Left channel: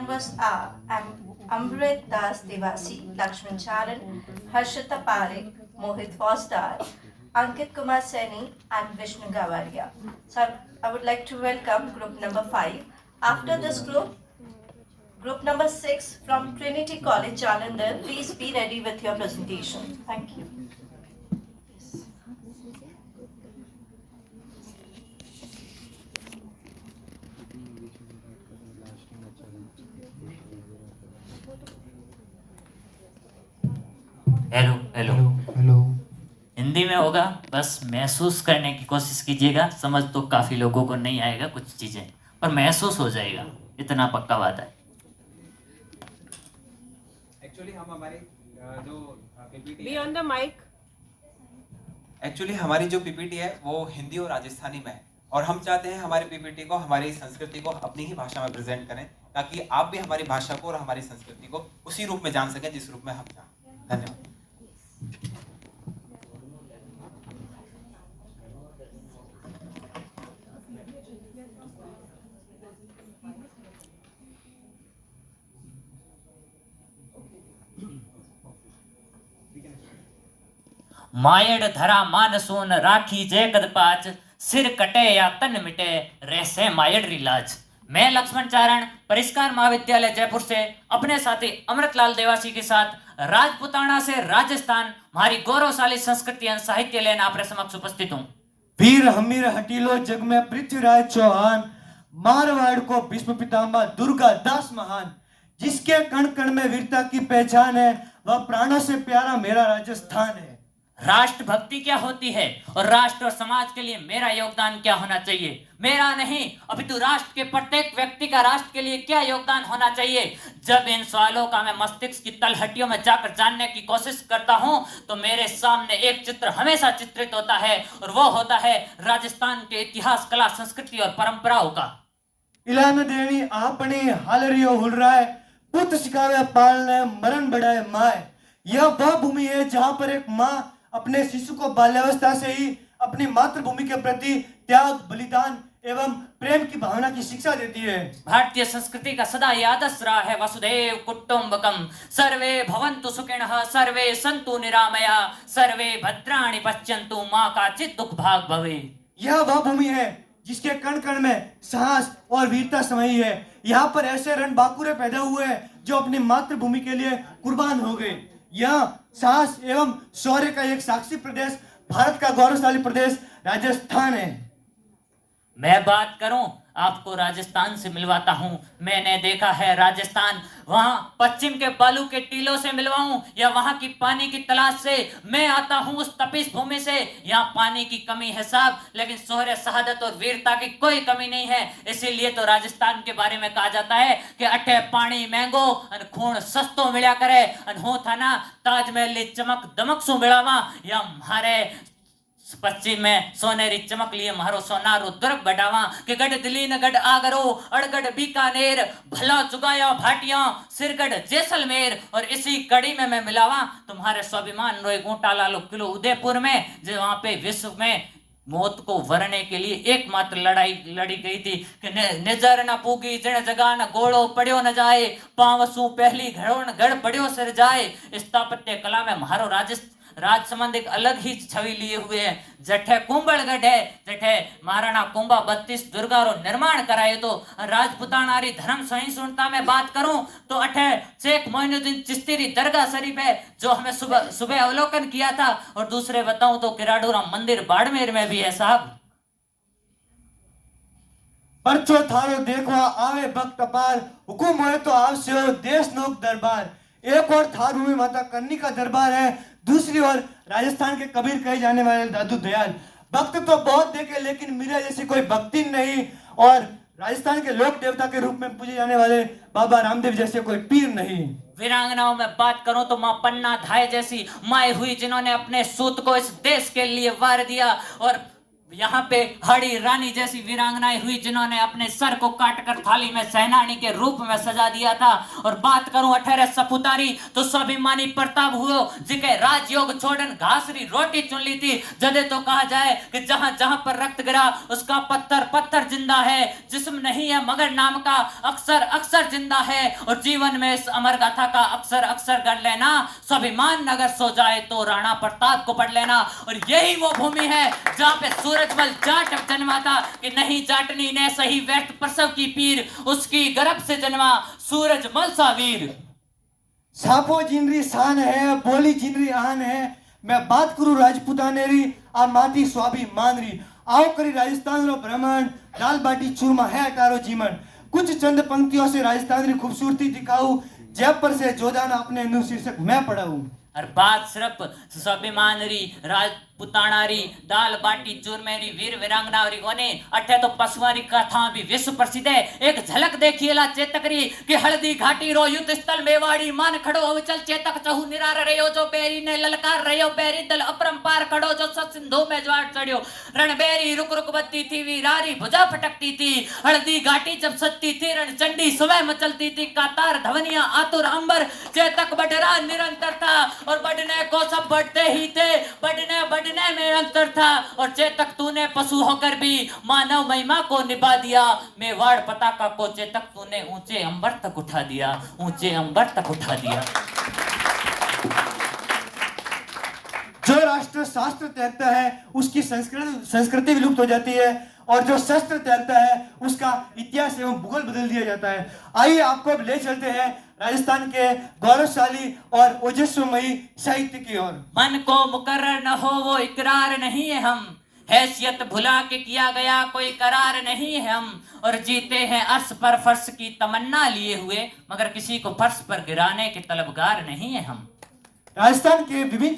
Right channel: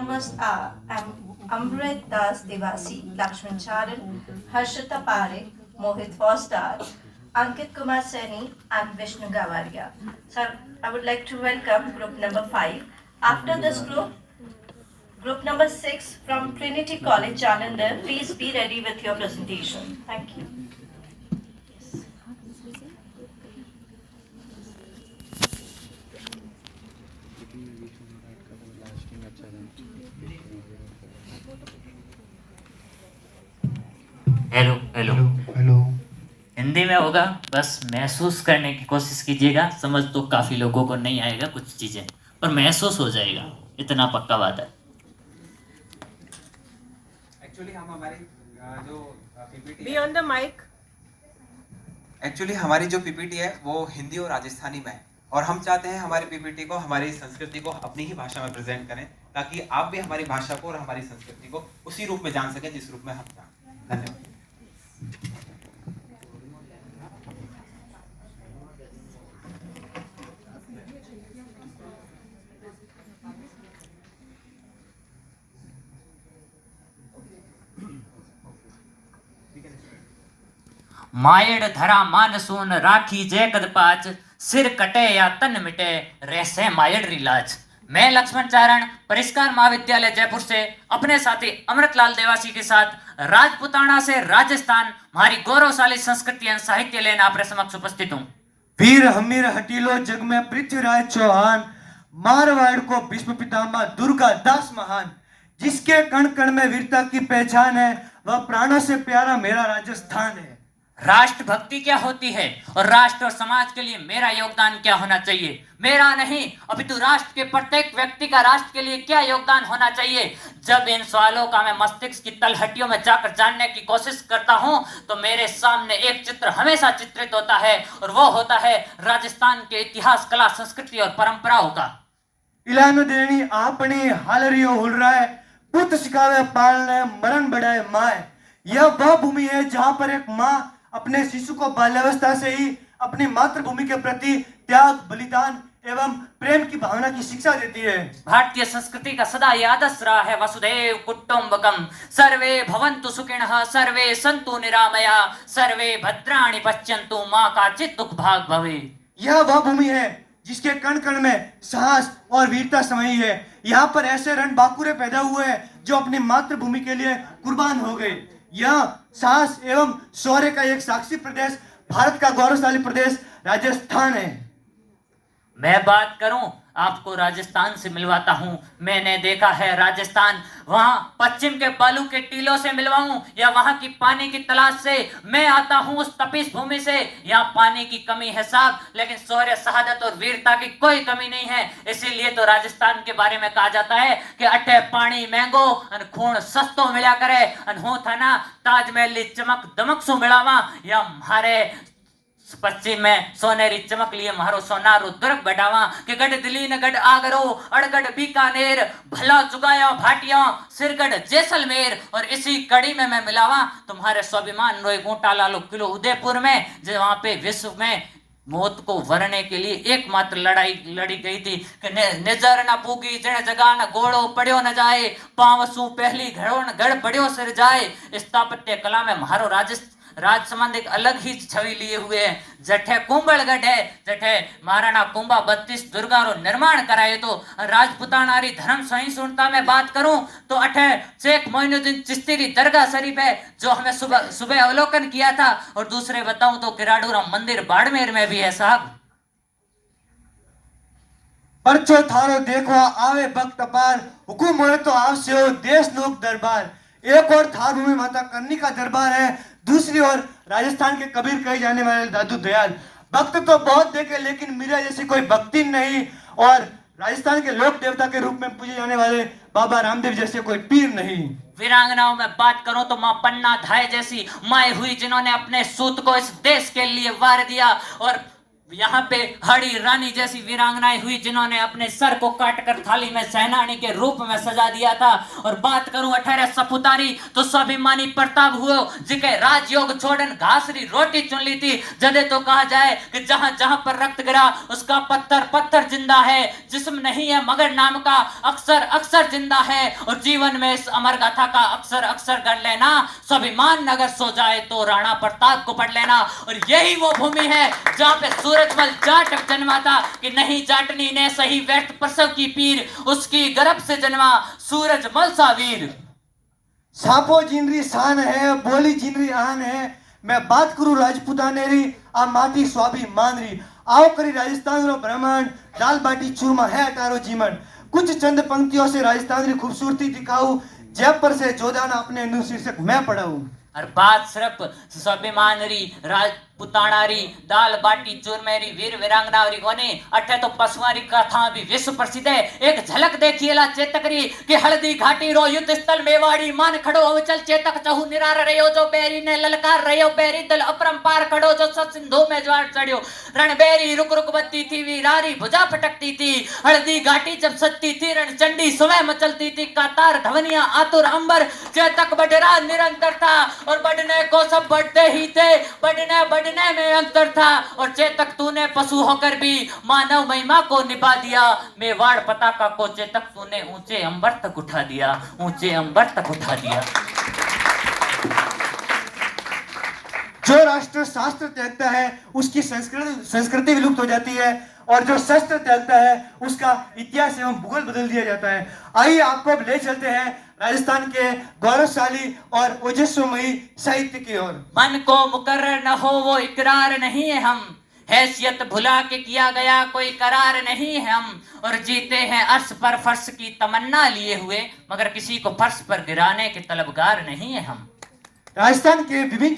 Members are Amrit Das Devasi, Lakshman Charan, Harshita Parekh, Mohit Foster, Ankit Kumar Seni, and Vishnu Gavaria. Sir, I would like to welcome group number 5. After this group number 6 from Trinity College, Jalandhar, please be ready with your presentation. Thank you. Hello hello hello. Hindi में होगा, बस महसूस करने की कोशिश कीजिएगा। समझ तो काफ़ी लोगों को नहीं आएगा कुछ चीज़ें, पर महसूस हो जाएगा, इतना पक्का बात है। एक्चुअली हम हमारी जो PPT be on the mic. Actually हमारी जो पीपीटी है वो हिंदी और राजस्थानी में है, और हम चाहते हैं हमारी पीपीटी को, हमारी संस्कृति को अपनी ही भाषा में प्रेजेंट करें, ताकि आप भी हमारी भाषा को और हमारी संस्कृति को उसी रूप में जान सकें जिस रूप में हम जानते हैं। धन्यवाद। मायड़ धरा मानसून राखी जय कद पाच, सिर कटे या तन मिटे रहसे मायड़ रिलाज। मैं लक्ष्मण चारण परिष्कार महाविद्यालय जयपुर से अपने साथी अमृतलाल देवासी के साथ राजपुताना से राजस्थान हमारी गौरवशाली संस्कृति एवं साहित्य लेने आपके समक्ष उपस्थित हूँ। वीर हमीर हटीलो जग में पृथ्वीराज चौहान, मारवाड़ को भीष्म पितामह दुर्गा दास महान। जिसके कण कण में वीरता की पहचान है, वह प्राणों से प्यारा मेरा राजस्थान है। राष्ट्रभक्ति क्या होती है और राष्ट्र और समाज के लिए मेरा योगदान क्या होना चाहिए? मेरा नहीं अपितु राष्ट्र के प्रत्येक व्यक्ति का राष्ट्र के लिए क्या योगदान होना चाहिए? जब इन सवालों का मैं मस्तिष्क की तलहटियों में जाकर जानने की कोशिश करता हूं, तो मेरे सामने एक चित्र हमेशा चित्रित होता है, और वो होता है राजस्थान के इतिहास, कला, संस्कृति और परंपराओं का। इलानो देनी आपनी हालरियो हुल रहा है, पुत्र सिखावे पालने मरण बढ़ाए माए। यह वह भूमि है जहां पर एक माँ अपने शिशु को बाल्यावस्था से ही अपनी मातृभूमि के प्रति त्याग, बलिदान एवं प्रेम की भावना की शिक्षा देती है। भारतीय संस्कृति का सदा ये आदर्श रहा है वसुधैव कुटुंबकम, सर्वे भवन्तु सुखिनः, सर्वे सन्तु निरामया, सर्वे भद्राणि पश्यन्तु, माँ का चित दुख भाग भवे। यह वह भूमि है जिसके कण कण में साहस और वीरता समाई है। यहाँ पर ऐसे रणबांकुरे पैदा हुए हैं जो अपनी मातृभूमि के लिए कुर्बान हो गए। यह साहस एवं शौर्य का एक साक्षी प्रदेश, भारत का गौरवशाली प्रदेश राजस्थान है। मैं बात करूं, आपको राजस्थान से मिलवाता हूं। मैंने देखा है राजस्थान, वहां पश्चिम के बालू के टीलों से मिलवाऊं या वहां की पानी की तलाश से। मैं आता हूं उस तपिश भूमि से, यहाँ पानी की कमी है साहब, लेकिन शौर्य, शहादत और वीरता की कोई कमी नहीं है। इसीलिए तो राजस्थान के बारे में कहा जाता है कि अठे पानी महंगो अन खून सस्तो मिला करे, अन हो था ना ताजमहल चमक दमक सु मिलावा, या हमारे पश्चिम में सोनेरी चमक लिए मारो सोनारो दुर्ग बढ़ावा, कि गढ़ दिल्ली ने गढ़ आगरो, अड़गढ़ बीकानेर, भला चुगाया भाटिया, सिरगढ़ जैसलमेर, और इसी कड़ी में मैं मिलावा तुम्हारे स्वाभिमान रोए गोटा लालो किलो उदयपुर में, जो वहां पे विश्व में मौत को वरने के लिए एकमात्र लड़ाई लड़ी गई थी कि निजर न पूगी जन जगा न गोड़ो पड़ियो न जाए, पांवसू पहली घड़ो न गढ़ पड़ियो सिर जाए। स्थापत्य कला में मारो राज संबंध एक अलग ही छवि लिए हुए हैं। जठे कुंभलगढ़ है, जठे महाराणा कुंभा 32 दुर्गा रो निर्माण कराए। तो राजपुतानारी धर्म सहिष्णुता में बात करूं तो अठे शेख मोइनुद्दीन चिश्ती री दरगाह शरीफ है, जो हमें सुबह अवलोकन किया था। और दूसरे बताऊं तो किराड़ूरा मंदिर बाड़मेर में भी है साहब। परचो थारो देखवा आवे भक्त अपार, हुकुम होए तो आवसे हो देश लोक दरबार। एक और थार भूमि माता करनी का दरबार है, दूसरी ओर राजस्थान के कबीर कहे जाने वाले दादू दयाल। भक्त तो बहुत देखे, लेकिन मीरा जैसी कोई भक्ति नहीं, और राजस्थान के लोक देवता के रूप में पूजे जाने वाले बाबा रामदेव जैसे कोई पीर नहीं। वीरांगनाओं में बात करूं तो मां पन्ना धाय जैसी माए हुई, जिन्होंने अपने सूत को इस देश के लिए वार दिया। और यहाँ पे हड़ी रानी जैसी वीरांगनाएं हुई जिन्होंने अपने सर को काटकर थाली में सेनानी के रूप में सजा दिया था। और बात करूं 18 सपुतारी तो स्वाभिमानी प्रताप हुए जिके राजयोग छोड़न घासरी रोटी चुन ली थी। जदे तो कहा जाए कि जहां जहां पर रक्त गिरा उसका पत्थर पत्थर जिंदा है, जिस्म नहीं है मगर नाम का अक्सर अक्सर जिंदा है। और जीवन में इस अमर गाथा का अक्सर अक्सर गढ़ लेना, स्वाभिमान अगर सो जाए तो राणा प्रताप को पढ़ लेना। और यही वो भूमि है जहां पे सूरजमल जाट जन्मा था कि नहीं जाटनी ने सही व्यर्थ प्रसव की पीर, उसकी गर्भ से जन्मा सूरजमल सा वीर। सापो जिनरी शान है, बोली जिनरी आन है, मैं बात करूं राजपूतानेरी, आ माटी स्वाभिमान री। आओ करी राजस्थान रो भ्रमण, दाल बाटी चूरमा है तारो जीवन। कुछ चंद पंक्तियों से राजस्थान री खूबसूरती दिखाऊं, जयपुर से जोधाना अपने नु शीर्षक मैं पढ़ाऊं। और बात सिर्फ स्वाभिमान री, राजपुताना री, दाल बाटी चूरमेरी, वीर वीरांगना री कोने अठे तो पशुआ री कथा भी विश्व प्रसिद्ध है। एक झलक देखिएला चेतक री कि हल्दी घाटी रो युद्ध स्थल मेवाड़ी मान खड़ो अवचल चेतक चहु निरार रहो जो बैरी ने ललकार रहो बैरी दल अपरंपार खड़ो जो सत सिंधु में ज्वार चढ़ियो। रणबेरी रुक रुक बत्ती थी वीरारी भुजा फटकती थी, हल्दी घाटी जब सत्ती थी रण चंडी सुबह मचलती थी। कातार धवनिया आतुर अंबर चेतक बढ़रा निरंतर था और बढ़ने को सब बढ़ते ही थे, बढ़ने में अंतर था। और चेतक तूने पशु होकर भी मानव महिमा को निभा दिया, मेवाड़ पताका को चेतक तूने ऊंचे अंबर तक उठा दिया, ऊंचे अंबर तक उठा दिया। जो राष्ट्र शास्त्र त्यागता है उसकी संस्कृति विलुप्त हो जाती है, और जो शस्त्र त्यागता है उसका इतिहास एवं भूगोल बदल दिया जाता है। आइए आपको अब ले चलते हैं राजस्थान के गौरवशाली और ओजस्वमयी साहित्य की ओर। मन को मुकर्रर न हो वो इकरार नहीं है हम, हैसियत भुला के किया गया कोई करार नहीं है हम। और जीते हैं अर्श पर फर्श की तमन्ना लिए हुए, मगर किसी को फर्श पर गिराने के तलबगार नहीं है हम। राजस्थान के विभिन्न